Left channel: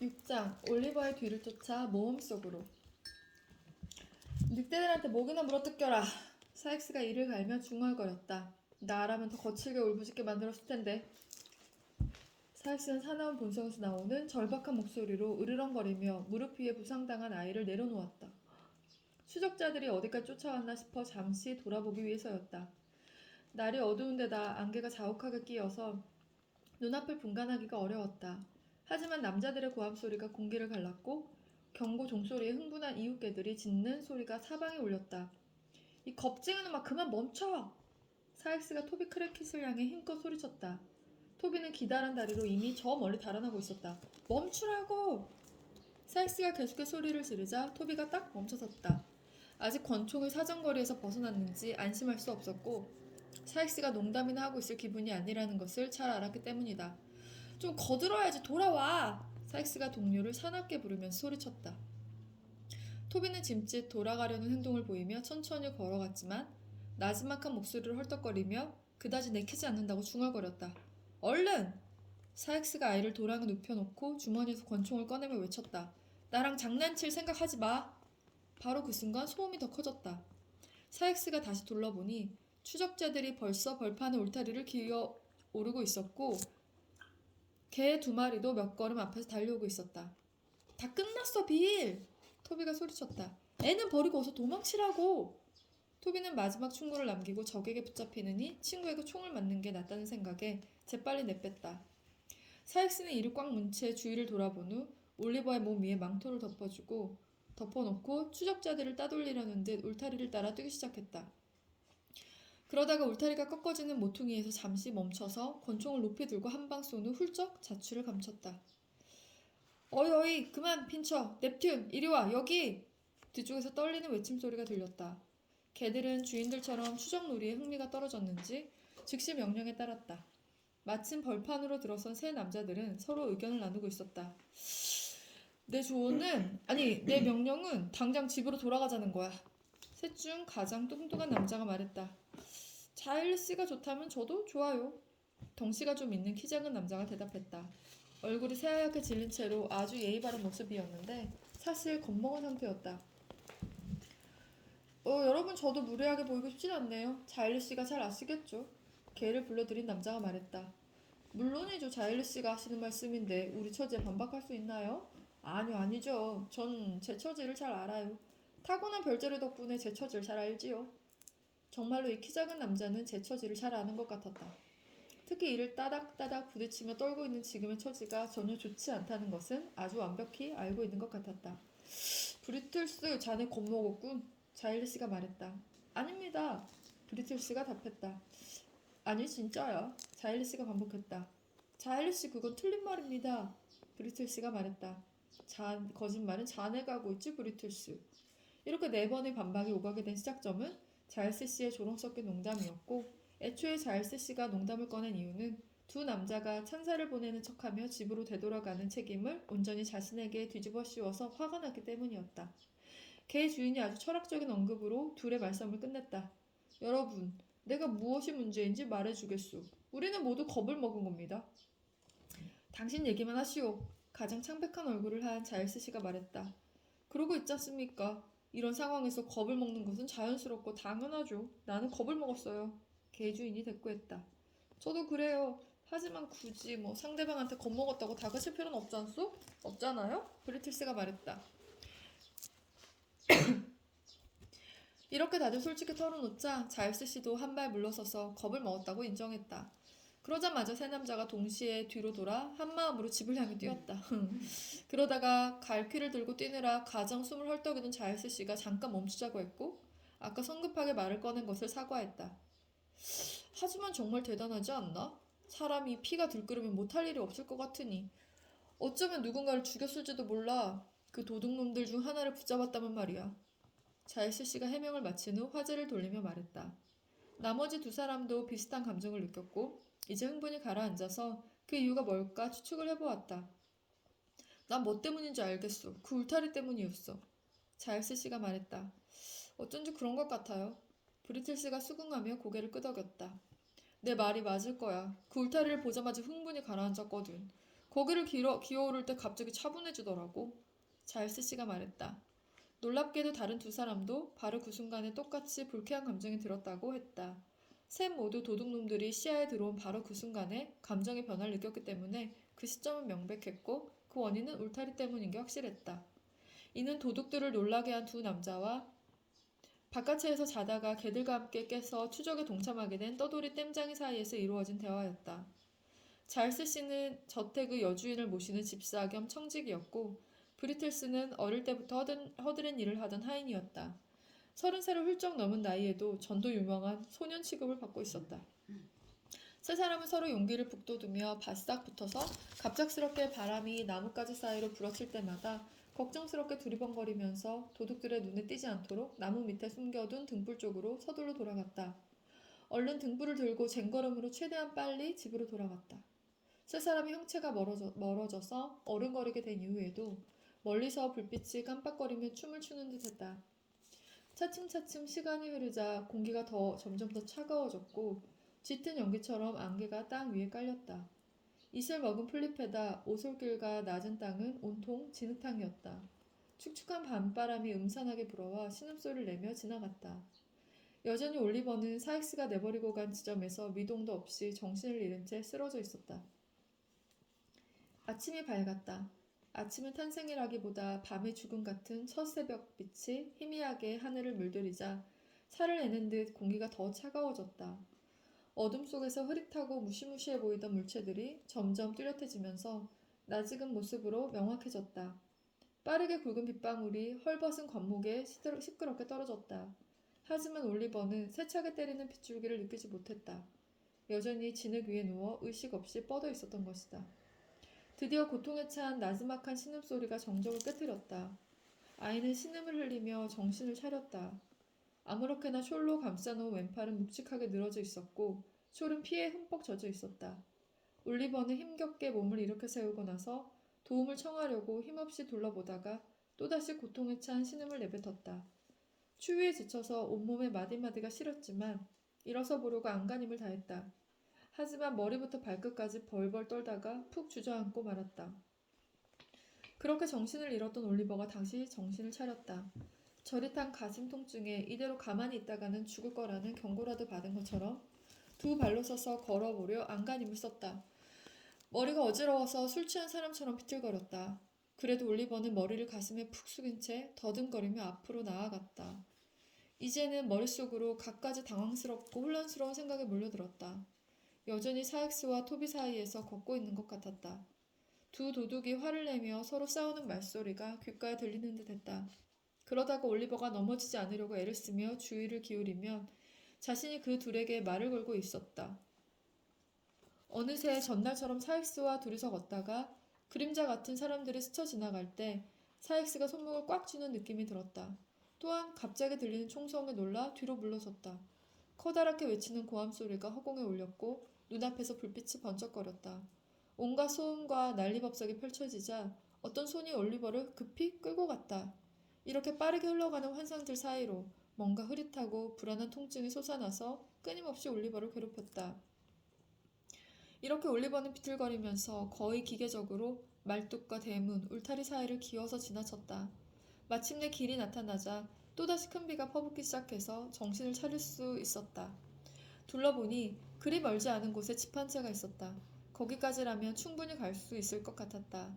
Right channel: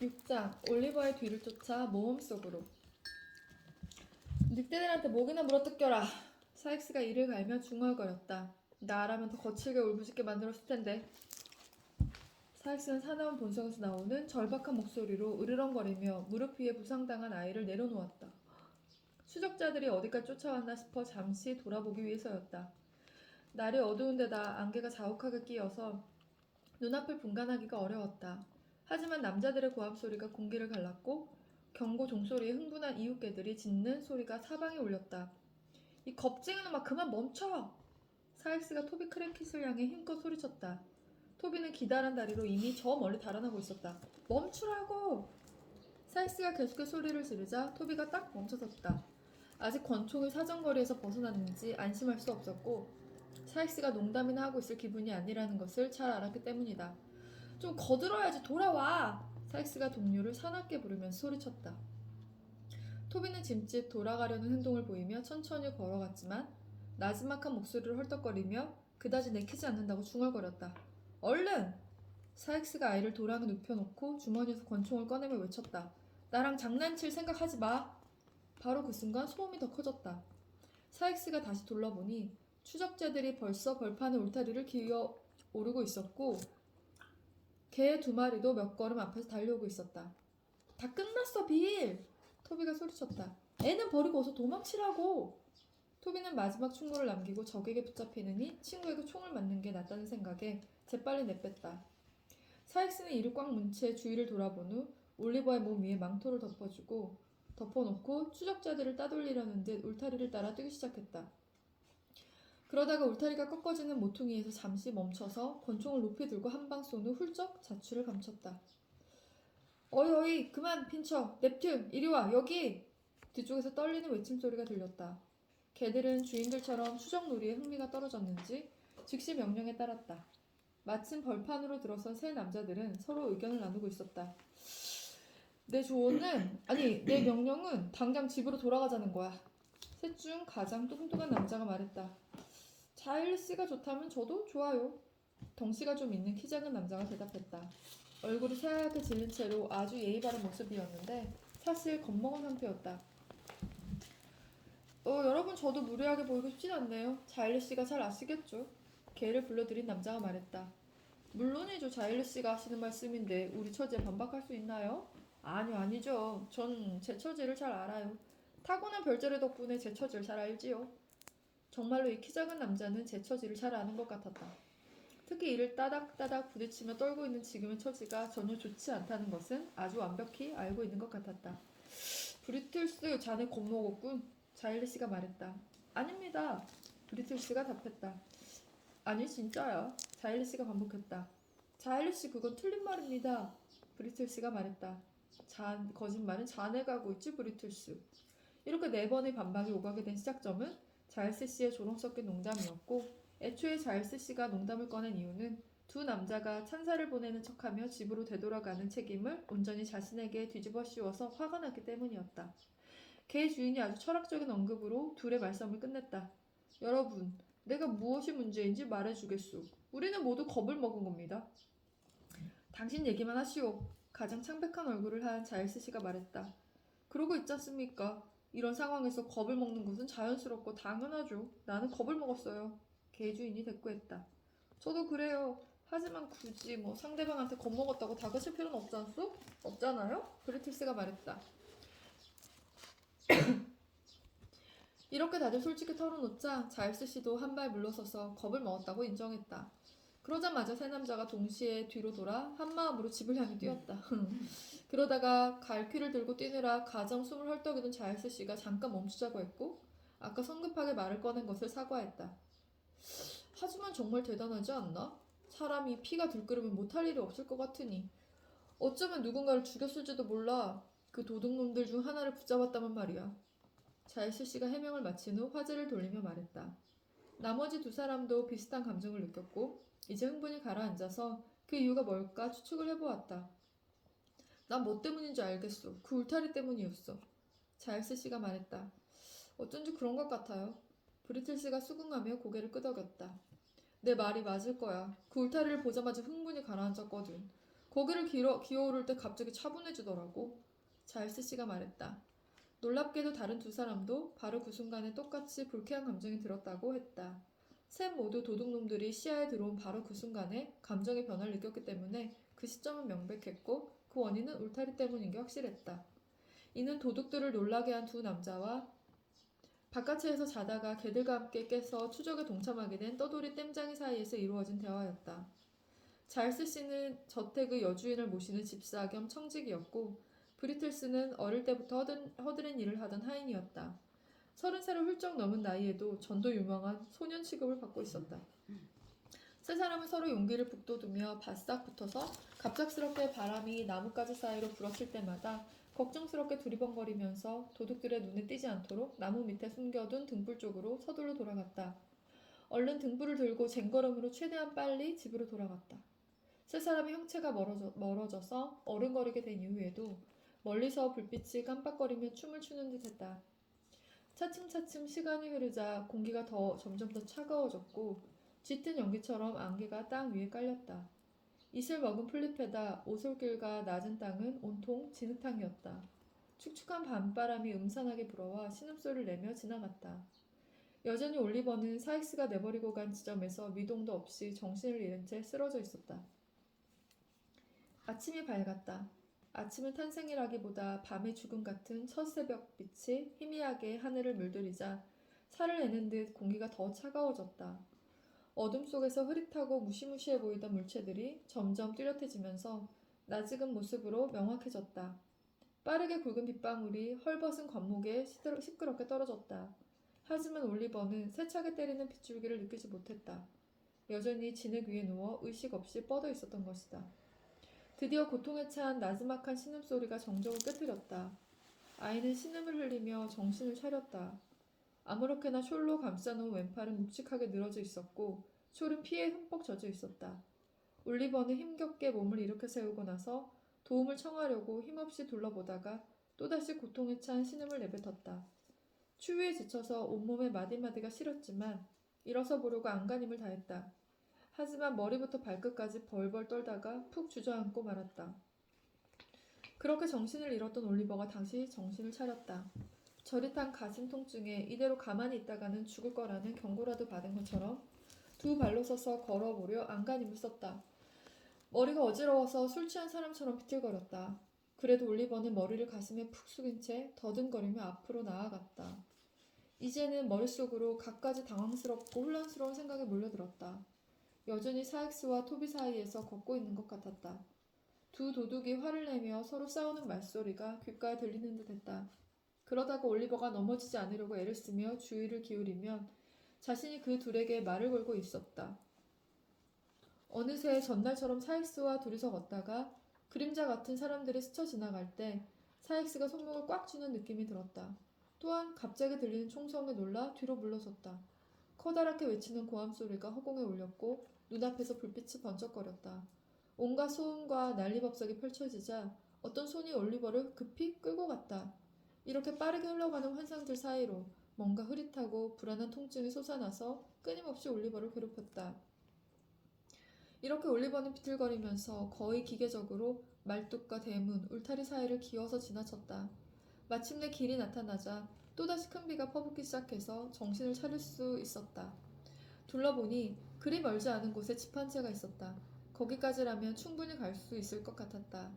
6장 올리버의 뒤를 쫓아 모험 속으로. 늑대들한테 목이나 물어뜯겨라. 사익스가 이를 갈며 중얼거렸다. 나라면 더 거칠게 울부짖게 만들었을 텐데. 사익스는 사나운 본성에서 나오는 절박한 목소리로 으르렁거리며 무릎 위에 부상당한 아이를 내려놓았다. 추적자들이 어디까지 쫓아왔나 싶어 잠시 돌아보기 위해서였다. 날이 어두운 데다 안개가 자욱하게 끼어서 눈앞을 분간하기가 어려웠다. 하지만 남자들의 고함 소리가 공기를 갈랐고 경고 종소리에 흥분한 이웃개들이 짖는 소리가 사방에 울렸다. 이 겁쟁이 놈아 그만 멈춰! 사익스가 토비 크랭킷을 향해 힘껏 소리쳤다. 토비는 기다란 다리로 이미 저 멀리 달아나고 있었다. 멈추라고! 사익스가 계속해서 소리를 지르자 토비가 딱 멈춰섰다. 아직 권총이 사정거리에서 벗어났는지 안심할 수 없었고 사익스가 농담이나 하고 있을 기분이 아니라는 것을 잘 알았기 때문이다. 좀 거들어야지 돌아와! 사익스가 동료를 사납게 부르면서 소리쳤다. 토비는 짐짓 돌아가려는 행동을 보이며 천천히 걸어갔지만 나지막한 목소리를 헐떡거리며 그다지 내키지 않는다고 중얼거렸다. 얼른! 사익스가 아이를 도랑에 눕혀놓고 주머니에서 권총을 꺼내며 외쳤다. 나랑 장난칠 생각하지 마! 바로 그 순간 소음이 더 커졌다. 사익스가 다시 둘러보니 추적자들이 벌써 벌판의 울타리를 기어 오르고 있었고 개 2마리도 몇 걸음 앞에서 달려오고 있었다. 다 끝났어, 빌! 토비가 소리쳤다. 애는 버리고 어서 도망치라고! 토비는 마지막 충고를 남기고 적에게 붙잡히느니 친구에게 총을 맞는 게 낫다는 생각에 재빨리 내뺐다. 사익스는 이를 꽉 문 채 주위를 돌아본 후 올리버의 몸 위에 망토를 덮어놓고 추적자들을 따돌리려는 듯 울타리를 따라 뛰기 시작했다. 그러다가 울타리가 꺾어지는 모퉁이에서 잠시 멈춰서 권총을 높이 들고 한 방 쏜 후 훌쩍 자취를 감췄다. 어이 어이 그만 핀쳐 넵튠 이리와 여기! 뒤쪽에서 떨리는 외침소리가 들렸다. 개들은 주인들처럼 추적놀이에 흥미가 떨어졌는지 즉시 명령에 따랐다. 마침 벌판으로 들어선 세 남자들은 서로 의견을 나누고 있었다. 내 명령은 당장 집으로 돌아가자는 거야. 셋 중 가장 뚱뚱한 남자가 말했다. 자일리씨가 좋다면 저도 좋아요. 덩치가 좀 있는 키 작은 남자가 대답했다. 얼굴이 새하얗게 질린 채로 아주 예의 바른 모습이었는데 사실 겁먹은 상태였다. 여러분 저도 무례하게 보이고 싶진 않네요. 자일리씨가 잘 아시겠죠? 개를 불러들인 남자가 말했다. 물론이죠. 자일리씨가 하시는 말씀인데 우리 처지에 반박할 수 있나요? 아니죠. 전 제 처지를 잘 알아요. 타고난 별자리 덕분에 제 처지를 잘 알지요. 정말로 이 키 작은 남자는 제 처지를 잘 아는 것 같았다. 특히 이를 따닥따닥 부딪히며 떨고 있는 지금의 처지가 전혀 좋지 않다는 것은 아주 완벽히 알고 있는 것 같았다. 브리틀스, 자네 겁먹었군. 자일리씨가 말했다. 아닙니다. 브리틀스가 답했다. 아니 진짜야. 자일리씨가 반복했다. 자일리씨 그건 틀린 말입니다. 브리틀스가 말했다. 거짓말은 자네가 하고 있지 브리틀스. 이렇게 4번의 반박이 오가게 된 시작점은 자일스 씨의 조롱 섞인 농담이었고 애초에 자일스 씨가 농담을 꺼낸 이유는 두 남자가 찬사를 보내는 척하며 집으로 되돌아가는 책임을 온전히 자신에게 뒤집어 씌워서 화가 났기 때문이었다. 개 주인이 아주 철학적인 언급으로 둘의 말싸움을 끝냈다. 여러분, 내가 무엇이 문제인지 말해주겠소. 우리는 모두 겁을 먹은 겁니다. 당신 얘기만 하시오. 가장 창백한 얼굴을 한 자일스 씨가 말했다. 그러고 있지 않습니까? 이런 상황에서 겁을 먹는 것은 자연스럽고 당연하죠. 나는 겁을 먹었어요. 개 주인이 대꾸했다. 저도 그래요. 하지만 굳이 상대방한테 겁먹었다고 다그칠 필요는 없지 않소? 없잖아요? 브리티스가 말했다. 이렇게 다들 솔직히 털어놓자 자일스 씨도 한 발 물러서서 겁을 먹었다고 인정했다. 그러자마자 세 남자가 동시에 뒤로 돌아 한마음으로 집을 향해 뛰었다. 그러다가 갈퀴를 들고 뛰느라 가장 숨을 헐떡이던 자일스 씨가 잠깐 멈추자고 했고 아까 성급하게 말을 꺼낸 것을 사과했다. 하지만 정말 대단하지 않나? 사람이 피가 들끓으면 못할 일이 없을 것 같으니 어쩌면 누군가를 죽였을지도 몰라. 그 도둑놈들 중 하나를 붙잡았다면 말이야. 자일스 씨가 해명을 마친 후 화제를 돌리며 말했다. 나머지 두 사람도 비슷한 감정을 느꼈고 이제 흥분이 가라앉아서 그 이유가 뭘까 추측을 해보았다. 난 뭐 때문인지 알겠어. 그 울타리 때문이었어. 자일스 씨가 말했다. 어쩐지 그런 것 같아요. 브리틀스가 수긍하며 고개를 끄덕였다. 내 말이 맞을 거야. 그 울타리를 보자마자 흥분이 가라앉았거든. 고개를 기어오를 때 갑자기 차분해지더라고. 자일스 씨가 말했다. 놀랍게도 다른 두 사람도 바로 그 순간에 똑같이 불쾌한 감정이 들었다고 했다. 셋 모두 도둑놈들이 시야에 들어온 바로 그 순간에 감정의 변화를 느꼈기 때문에 그 시점은 명백했고 그 원인은 울타리 때문인 게 확실했다. 이는 도둑들을 놀라게 한 두 남자와 바깥에서 자다가 개들과 함께 깨서 추적에 동참하게 된 떠돌이 땜장이 사이에서 이루어진 대화였다. 잘스 씨는 저택의 여주인을 모시는 집사 겸 청직이었고 브리틀스는 어릴 때부터 허드렛 일을 하던 하인이었다. 30살을 훌쩍 넘은 나이에도 전도 유명한 소년 취급을 받고 있었다. 세 사람은 서로 용기를 북돋우며 바싹 붙어서 갑작스럽게 바람이 나뭇가지 사이로 불어칠 때마다 걱정스럽게 두리번거리면서 도둑들의 눈에 띄지 않도록 나무 밑에 숨겨둔 등불 쪽으로 서둘러 돌아갔다. 얼른 등불을 들고 쟁걸음으로 최대한 빨리 집으로 돌아갔다. 세 사람의 형체가 멀어져서 어른거리게 된 이후에도 멀리서 불빛이 깜빡거리며 춤을 추는 듯했다. 차츰차츰 시간이 흐르자 공기가 점점 더 차가워졌고 짙은 연기처럼 안개가 땅 위에 깔렸다. 이슬 먹은 풀잎에다 오솔길과 낮은 땅은 온통 진흙탕이었다. 축축한 밤바람이 음산하게 불어와 신음소리를 내며 지나갔다. 여전히 올리버는 사익스가 내버리고 간 지점에서 미동도 없이 정신을 잃은 채 쓰러져 있었다. 아침이 밝았다. 아침은 탄생이라기보다 밤의 죽음 같은 첫 새벽빛이 희미하게 하늘을 물들이자 살을 내는 듯 공기가 더 차가워졌다. 어둠 속에서 흐릿하고 무시무시해 보이던 물체들이 점점 뚜렷해지면서 낯익은 모습으로 명확해졌다. 빠르게 굵은 빗방울이 헐벗은 관목에 시끄럽게 떨어졌다. 하지만 올리버는 세차게 때리는 빗줄기를 느끼지 못했다. 여전히 진흙 위에 누워 의식 없이 뻗어 있었던 것이다. 드디어 고통에 찬 나지막한 신음소리가 정적을 깨뜨렸다. 아이는 신음을 흘리며 정신을 차렸다. 아무렇게나 숄로 감싸놓은 왼팔은 묵직하게 늘어져 있었고 숄은 피에 흠뻑 젖어 있었다. 올리버는 힘겹게 몸을 일으켜 세우고 나서 도움을 청하려고 힘없이 둘러보다가 또다시 고통에 찬 신음을 내뱉었다. 추위에 지쳐서 온몸에 마디마디가 시렸지만 일어서 보려고 안간힘을 다했다. 하지만 머리부터 발끝까지 벌벌 떨다가 푹 주저앉고 말았다. 그렇게 정신을 잃었던 올리버가 다시 정신을 차렸다. 저릿한 가슴 통증에 이대로 가만히 있다가는 죽을 거라는 경고라도 받은 것처럼 두 발로 서서 걸어보려 안간힘을 썼다. 머리가 어지러워서 술 취한 사람처럼 비틀거렸다. 그래도 올리버는 머리를 가슴에 푹 숙인 채 더듬거리며 앞으로 나아갔다. 이제는 머릿속으로 갖가지 당황스럽고 혼란스러운 생각이 몰려들었다. 여전히 사익스와 토비 사이에서 걷고 있는 것 같았다. 두 도둑이 화를 내며 서로 싸우는 말소리가 귓가에 들리는 듯했다. 그러다가 올리버가 넘어지지 않으려고 애를 쓰며 주의를 기울이면 자신이 그 둘에게 말을 걸고 있었다. 어느새 전날처럼 사익스와 둘이서 걷다가 그림자 같은 사람들이 스쳐 지나갈 때 사익스가 손목을 꽉 쥐는 느낌이 들었다. 또한 갑자기 들리는 총성에 놀라 뒤로 물러섰다. 커다랗게 외치는 고함 소리가 허공에 울렸고 눈앞에서 불빛이 번쩍거렸다. 온갖 소음과 난리법석이 펼쳐지자 어떤 손이 올리버를 급히 끌고 갔다. 이렇게 빠르게 흘러가는 환상들 사이로 뭔가 흐릿하고 불안한 통증이 솟아나서 끊임없이 올리버를 괴롭혔다. 이렇게 올리버는 비틀거리면서 거의 기계적으로 말뚝과 대문, 울타리 사이를 기어서 지나쳤다. 마침내 길이 나타나자 또다시 큰 비가 퍼붓기 시작해서 정신을 차릴 수 있었다. 둘러보니 그리 멀지 않은 곳에 집 한 채가 있었다. 거기까지라면 충분히 갈 수 있을 것 같았다.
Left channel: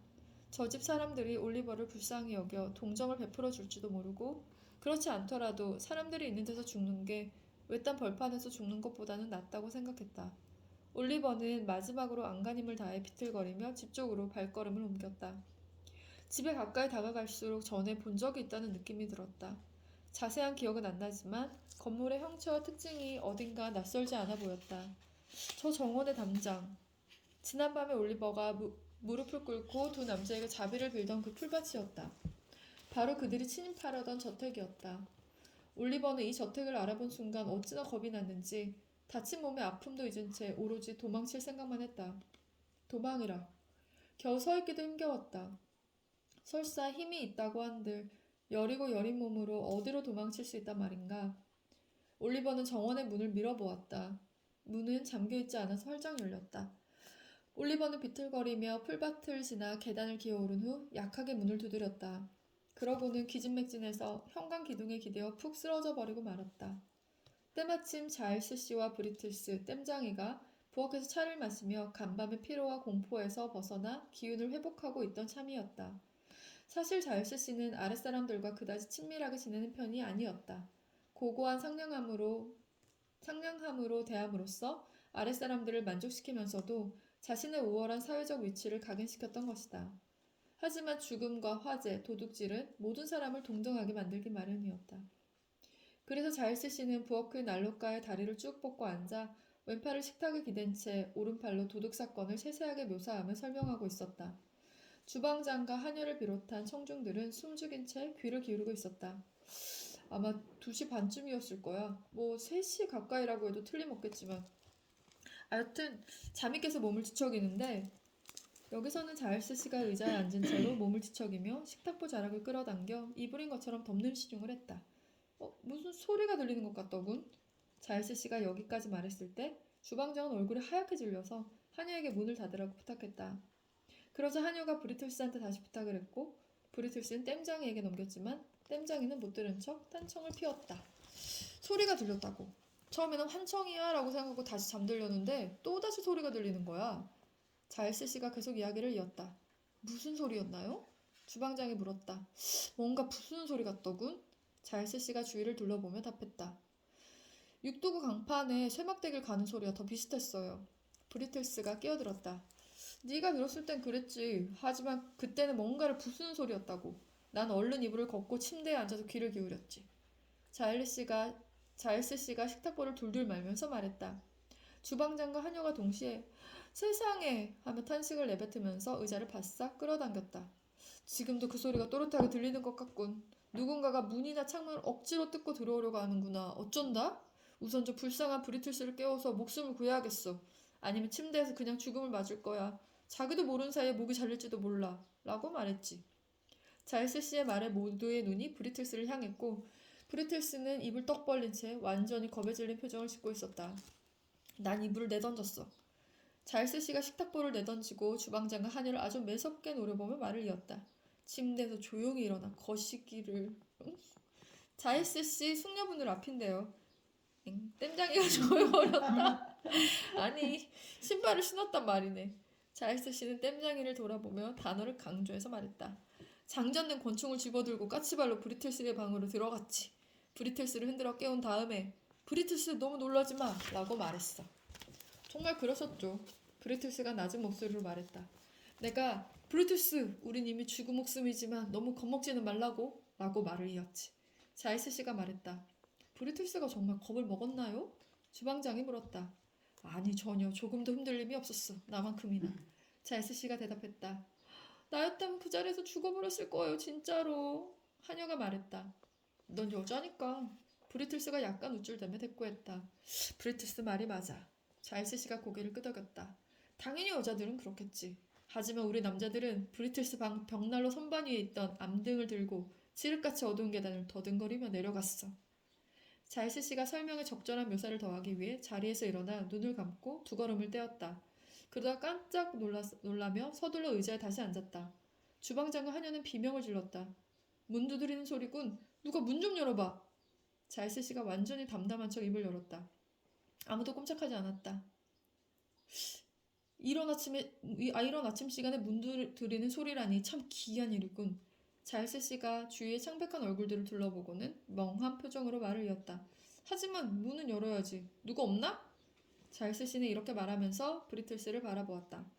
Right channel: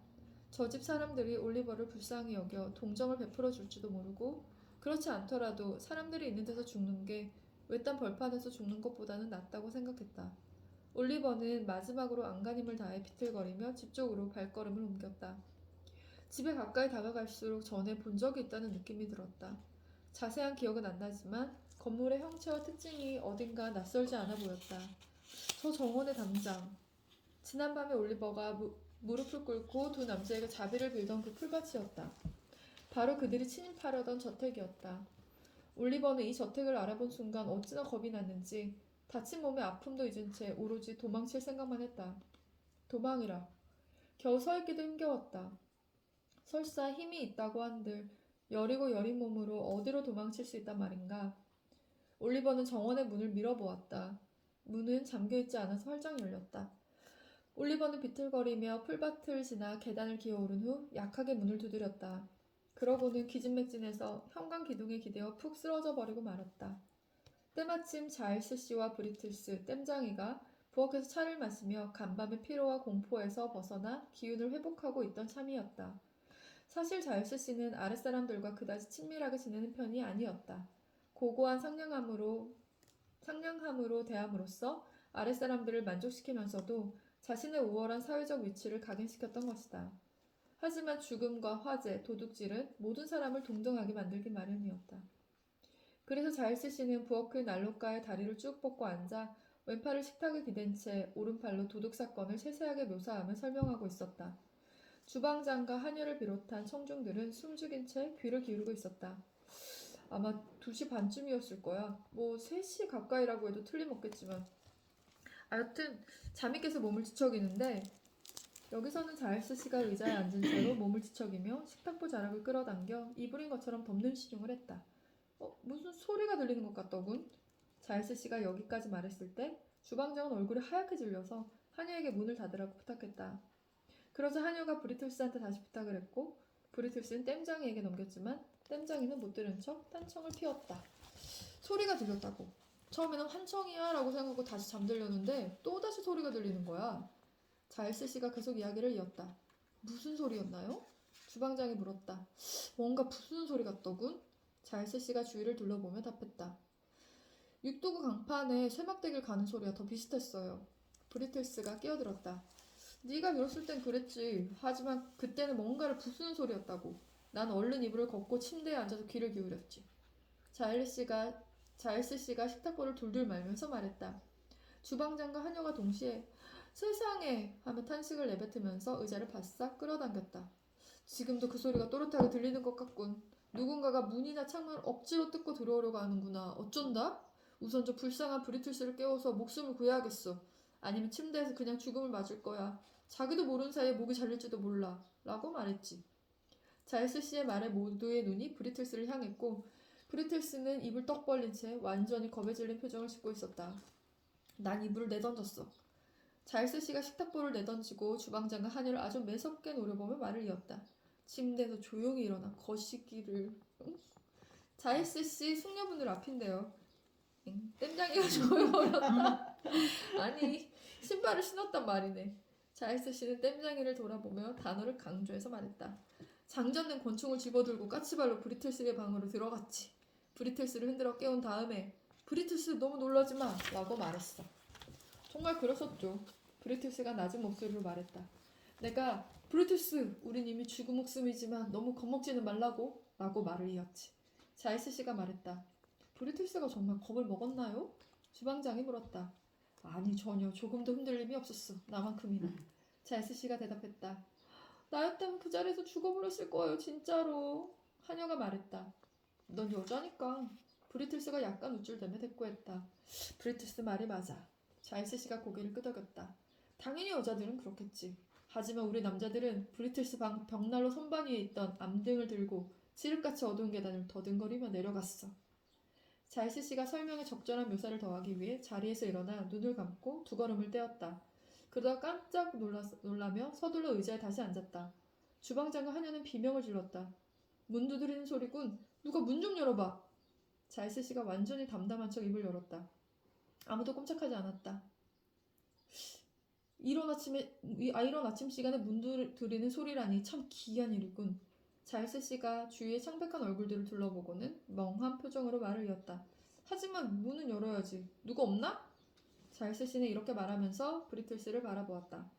저 집 사람들이 올리버를 불쌍히 여겨 동정을 베풀어 줄지도 모르고 그렇지 않더라도 사람들이 있는 데서 죽는 게 외딴 벌판에서 죽는 것보다는 낫다고 생각했다. 올리버는 마지막으로 안간힘을 다해 비틀거리며 집 쪽으로 발걸음을 옮겼다. 집에 가까이 다가갈수록 전에 본 적이 있다는 느낌이 들었다. 자세한 기억은 안 나지만 건물의 형체와 특징이 어딘가 낯설지 않아 보였다. 저 정원의 담장. 지난밤에 올리버가 무릎을 꿇고 두 남자에게 자비를 빌던 그 풀밭이었다. 바로 그들이 침입하려던 저택이었다. 올리버는 이 저택을 알아본 순간 어찌나 겁이 났는지 다친 몸에 아픔도 잊은 채 오로지 도망칠 생각만 했다. 도망이라. 겨우 서 있기도 힘겨웠다. 설사 힘이 있다고 한들 여리고 여린 몸으로 어디로 도망칠 수 있단 말인가. 올리버는 정원의 문을 밀어보았다. 문은 잠겨있지 않아서 활짝 열렸다. 올리버는 비틀거리며 풀밭을 지나 계단을 기어오른 후 약하게 문을 두드렸다. 그러고는 기진맥진해서 현관 기둥에 기대어 푹 쓰러져 버리고 말았다. 때마침 자일스 씨와 브리틀스, 땜장이가 부엌에서 차를 마시며 간밤의 피로와 공포에서 벗어나 기운을 회복하고 있던 참이었다. 사실 자일스 씨는 아랫사람들과 그다지 친밀하게 지내는 편이 아니었다. 고고한 상냥함으로 대함으로써 아랫사람들을 만족시키면서도 자신의 우월한 사회적 위치를 각인시켰던 것이다. 하지만 죽음과 화재, 도둑질은 모든 사람을 동정하게 만들기 마련이었다. 그래서 자일스 씨는 부엌 그 난로가에 다리를 쭉 뻗고 앉아 왼팔을 식탁에 기댄 채 오른팔로 도둑 사건을 세세하게 묘사하며 설명하고 있었다. 주방장과 하녀를 비롯한 청중들은 숨죽인 채 귀를 기울이고 있었다. 아마 2시 반쯤이었을 거야. 뭐 3시 가까이라고 해도 틀림없겠지만. 하여튼 잠이 깨서 몸을 뒤척이는데 여기서는 자일스 씨가 의자에 앉은 채로 몸을 뒤척이며 식탁보 자락을 끌어당겨 이불인 것처럼 덮는 시중을 했다. 무슨 소리가 들리는 것 같더군. 자일스 씨가 여기까지 말했을 때 주방장은 얼굴이 하얗게 질려서 하녀에게 문을 닫으라고 부탁했다. 그러자 하녀가 브리틀스한테 다시 부탁을 했고 브리틀스는 땜장이에게 넘겼지만 땜장이는 못 들은 척 딴청을 피웠다. 소리가 들렸다고. 처음에는 환청이야 라고 생각하고 다시 잠들렸는데 또다시 소리가 들리는 거야. 자일스 씨가 계속 이야기를 이었다. 무슨 소리였나요? 주방장이 물었다. 뭔가 부수는 소리 같더군. 자일스 씨가 주위를 둘러보며 답했다. 육두구 강판에 쇠막대기를 가는 소리와 더 비슷했어요. 브리틀스가 끼어들었다. 네가 들었을 땐 그랬지. 하지만 그때는 뭔가를 부수는 소리였다고. 난 얼른 이불을 걷고 침대에 앉아서 귀를 기울였지. 자일스 씨가 식탁보를 둘둘 말면서 말했다. 주방장과 하녀가 동시에 세상에 하며 탄식을 내뱉으면서 의자를 바싹 끌어당겼다. 지금도 그 소리가 또렷하게 들리는 것 같군. 누군가가 문이나 창문을 억지로 뜯고 들어오려고 하는구나. 어쩐다? 우선 저 불쌍한 브리틀스를 깨워서 목숨을 구해야겠어. 아니면 침대에서 그냥 죽음을 맞을 거야. 자기도 모르는 사이에 목이 잘릴지도 몰라. 라고 말했지. 자일스 씨의 말에 모두의 눈이 브리틀스를 향했고 브리틀스는 입을 떡 벌린 채 완전히 겁에 질린 표정을 짓고 있었다. 난 이불을 내던졌어. 자일스 씨가 식탁보를 내던지고 주방장과 하녀를 아주 매섭게 노려보며 말을 이었다. 침대에서 조용히 일어나 거시기를. 자일스 씨 숙녀분들 앞인데요. 땜장이가 조용히 어렸다. 아니 신발을 신었단 말이네. 자일스 씨는 땜장이를 돌아보며 단어를 강조해서 말했다. 장전된 권총을 집어들고 까치발로 브리틀스의 방으로 들어갔지. 브리틀스를 흔들어 깨운 다음에 브리틀스 너무 놀라지 마 라고 말했어. 정말 그러셨죠. 브리틀스가 낮은 목소리로 말했다. 내가 브리틀스 우린 이미 죽은 목숨이지만 너무 겁먹지는 말라고 라고 말을 이었지. 자일스 씨가 말했다. 브리틀스가 정말 겁을 먹었나요? 주방장이 물었다. 아니 전혀 조금도 흔들림이 없었어. 나만큼이나. 자일스 씨가 대답했다. 나였다면 그 자리에서 죽어버렸을 거예요 진짜로. 하녀가 말했다. 넌 여자니까. 브리틀스가 약간 우쭐대며 대꾸했다. 브리틀스 말이 맞아. 자일스 씨가 고개를 끄덕였다. 당연히 여자들은 그렇겠지. 하지만 우리 남자들은 브리틀스 방 벽난로 선반 위에 있던 암등을 들고 칠흑같이 어두운 계단을 더듬거리며 내려갔어. 자일스 씨가 설명에 적절한 묘사를 더하기 위해 자리에서 일어나 눈을 감고 두 걸음을 떼었다. 그러다 깜짝 놀라며 서둘러 의자에 다시 앉았다. 주방장과 하녀는 비명을 질렀다. 문 두드리는 소리군. 누가 문 좀 열어봐. 자일스 씨가 완전히 담담한 척 입을 열었다. 아무도 꼼짝하지 않았다. 이런 아침 시간에 문 두드리는 소리라니 참 기이한 일이군. 자일스 씨가 주위의 창백한 얼굴들을 둘러보고는 멍한 표정으로 말을 이었다. 하지만 문은 열어야지. 누가 없나? 자일스 씨는 이렇게 말하면서 브리틀스를 바라보았다.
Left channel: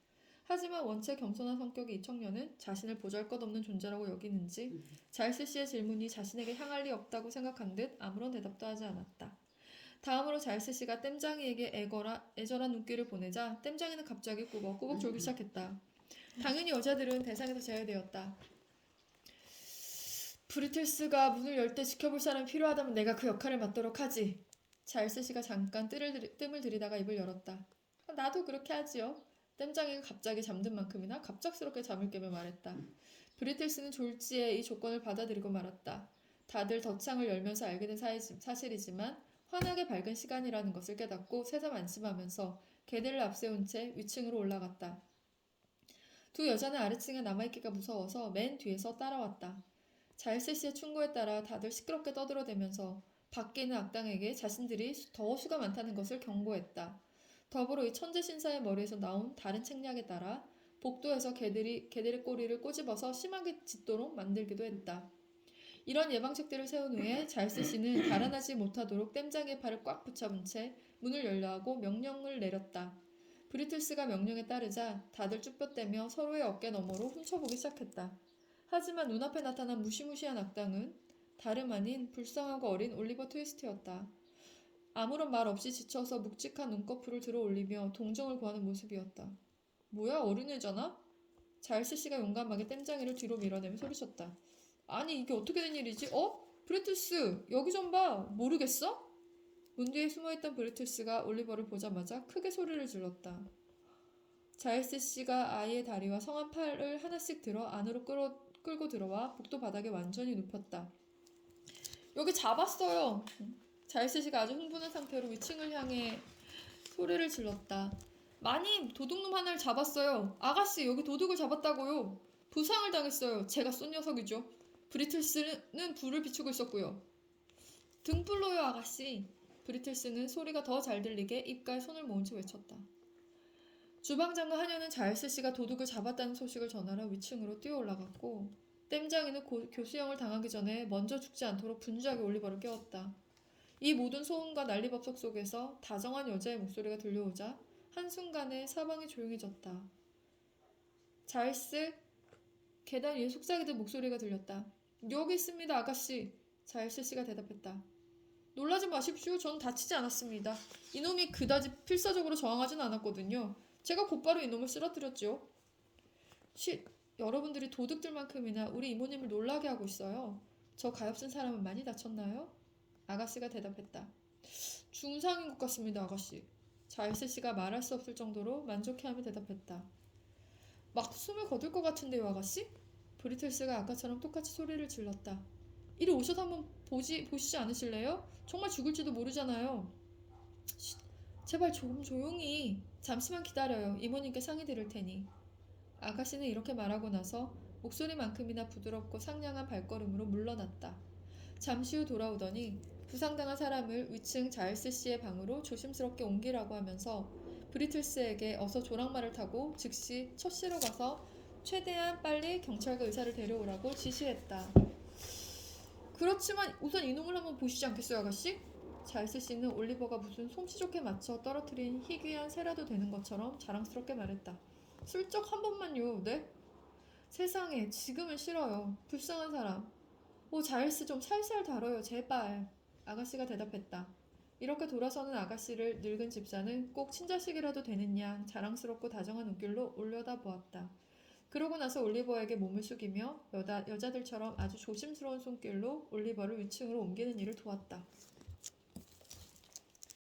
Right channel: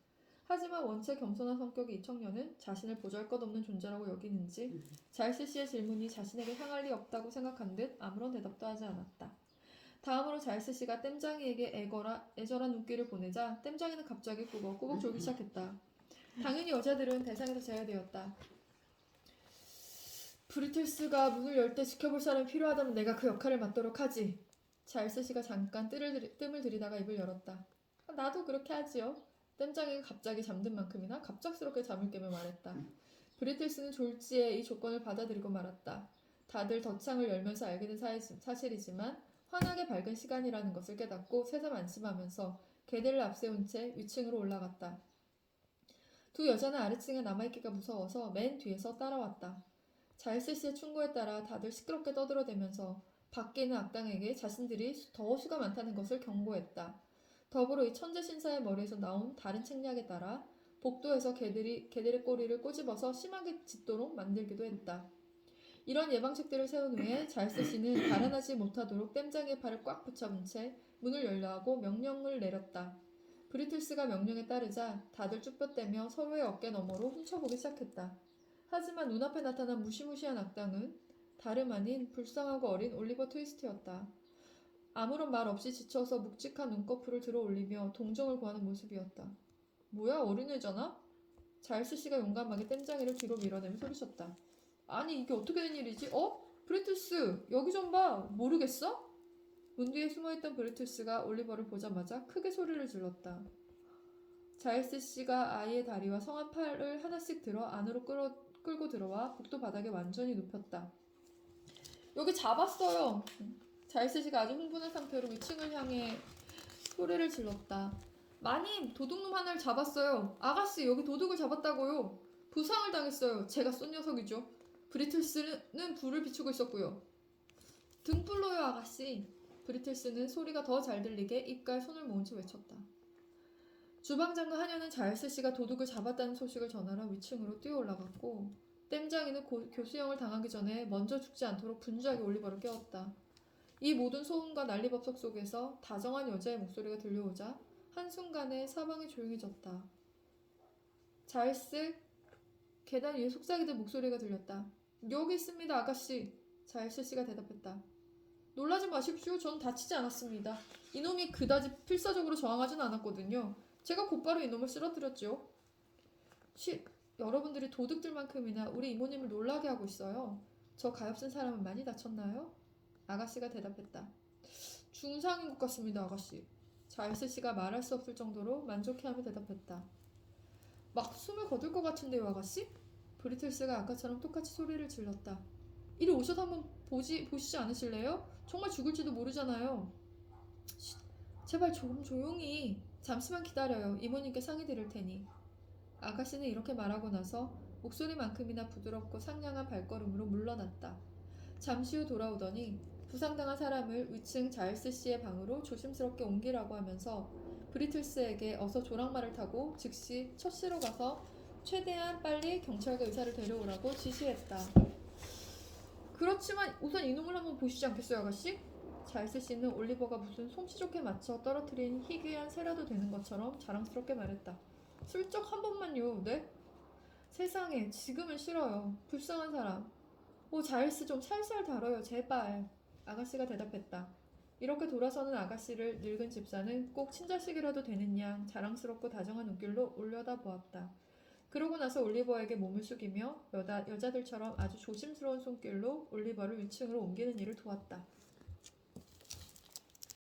하지만 원체 겸손한 성격의 이 청년은 자신을 보잘것없는 존재라고 여기는지 자일스 씨의 질문이 자신에게 향할 리 없다고 생각한 듯 아무런 대답도 하지 않았다. 다음으로 자일스 씨가 땜장이에게 애절한 눈길을 보내자 땜장이는 갑자기 꾸벅꾸벅 졸기 시작했다. 당연히 여자들은 대상에서 제외되었다. 브리틀스가 문을 열 때 지켜볼 사람이 필요하다면 내가 그 역할을 맡도록 하지. 자일스 씨가 잠깐 뜸을 들이다가 입을 열었다. 나도 그렇게 하지요. 땜장이가 갑자기 잠든 만큼이나 갑작스럽게 잠을 깨며 말했다. 브리틀스는 졸지에 이 조건을 받아들이고 말았다. 다들 덧창을 열면서 알게 된 사실이지만 환하게 밝은 시간이라는 것을 깨닫고 새삼 안심하면서 개들을 앞세운 채 위층으로 올라갔다. 두 여자는 아래층에 남아있기가 무서워서 맨 뒤에서 따라왔다. 자일스 씨의 충고에 따라 다들 시끄럽게 떠들어대면서 밖에 있는 악당에게 자신들이 더 수가 많다는 것을 경고했다. 더불어 이 천재 신사의 머리에서 나온 다른 책략에 따라 복도에서 개들의 꼬리를 꼬집어서 심하게 짖도록 만들기도 했다. 이런 예방책들을 세운 후에 자일스 씨는 달아나지 못하도록 땜장의 팔을 꽉 붙잡은 채 문을 열려 하고 명령을 내렸다. 브리틀스가 명령에 따르자 다들 쭈뼛대며 서로의 어깨 너머로 훔쳐보기 시작했다. 하지만 눈앞에 나타난 무시무시한 악당은 다름 아닌 불쌍하고 어린 올리버 트위스트였다. 아무런 말 없이 지쳐서 묵직한 눈꺼풀을 들어 올리며 동정을 구하는 모습이었다. 뭐야, 어린애잖아? 자일스 씨가 용감하게 땜장이를 뒤로 밀어내며 소리쳤다. 아니, 이게 어떻게 된 일이지? 브리투스, 여기 좀 봐. 모르겠어? 문 뒤에 숨어있던 브리투스가 올리버를 보자마자 크게 소리를 질렀다. 자일스 씨가 아이의 다리와 성한 팔을 하나씩 들어 안으로 끌고 들어와 복도 바닥에 완전히 눕혔다. 여기 잡았어요. 자일스 씨가 아주 흥분한 상태로 위층을 향해 소리를 질렀다. 마님, 도둑놈 하나를 잡았어요. 아가씨, 여기 도둑을 잡았다고요. 부상을 당했어요. 제가 쏜 녀석이죠. 브리틀스는 불을 비추고 있었고요. 등불로요, 아가씨. 브리틀스는 소리가 더 잘 들리게 입가에 손을 모은 채 외쳤다. 주방장과 하녀는 자일스 씨가 도둑을 잡았다는 소식을 전하러 위층으로 뛰어 올라갔고 땜장이는 교수형을 당하기 전에 먼저 죽지 않도록 분주하게 올리버를 깨웠다. 이 모든 소음과 난리법석 속에서 다정한 여자의 목소리가 들려오자 한순간에 사방이 조용해졌다. 자일스, 계단 위에 속삭이던 목소리가 들렸다. 여기 있습니다, 아가씨. 자일스 씨가 대답했다. 놀라지 마십시오. 전 다치지 않았습니다. 이놈이 그다지 필사적으로 저항하진 않았거든요. 제가 곧바로 이놈을 쓰러뜨렸죠. 여러분들이 도둑들만큼이나 우리 이모님을 놀라게 하고 있어요. 저 가엾은 사람은 많이 다쳤나요? 아가씨가 대답했다. 중상인 것 같습니다, 아가씨. 자일스 씨가 말할 수 없을 정도로 만족해하며 대답했다. 막 숨을 거둘 것 같은데요, 아가씨? 브리틀스가 아까처럼 똑같이 소리를 질렀다. 이리 오셔서 한번 보시지 않으실래요? 정말 죽을지도 모르잖아요. 제발 좀 조용히. 잠시만 기다려요. 이모님께 상의 드릴 테니. 아가씨는 이렇게 말하고 나서 목소리만큼이나 부드럽고 상냥한 발걸음으로 물러났다. 잠시 후 돌아오더니 부상당한 사람을 위층 자일스 씨의 방으로 조심스럽게 옮기라고 하면서 브리틀스에게 어서 조랑말을 타고 즉시 처씨로 가서 최대한 빨리 경찰과 의사를 데려오라고 지시했다. 그렇지만 우선 이놈을 한번 보시지 않겠어요, 아가씨? 자일스 씨는 올리버가 무슨 솜씨 좋게 맞춰 떨어뜨린 희귀한 새라도 되는 것처럼 자랑스럽게 말했다. 슬쩍 한 번만요, 네? 세상에, 지금은 싫어요. 불쌍한 사람. 자일스 좀 살살 다뤄요, 제발. 아가씨가 대답했다. 이렇게 돌아서는 아가씨를 늙은 집사는 꼭 친자식이라도 되는 양 자랑스럽고 다정한 눈길로 올려다보았다. 그러고 나서 올리버에게 몸을 숙이며 여자들처럼 아주 조심스러운 손길로 올리버를 위층으로 옮기는 일을 도왔다.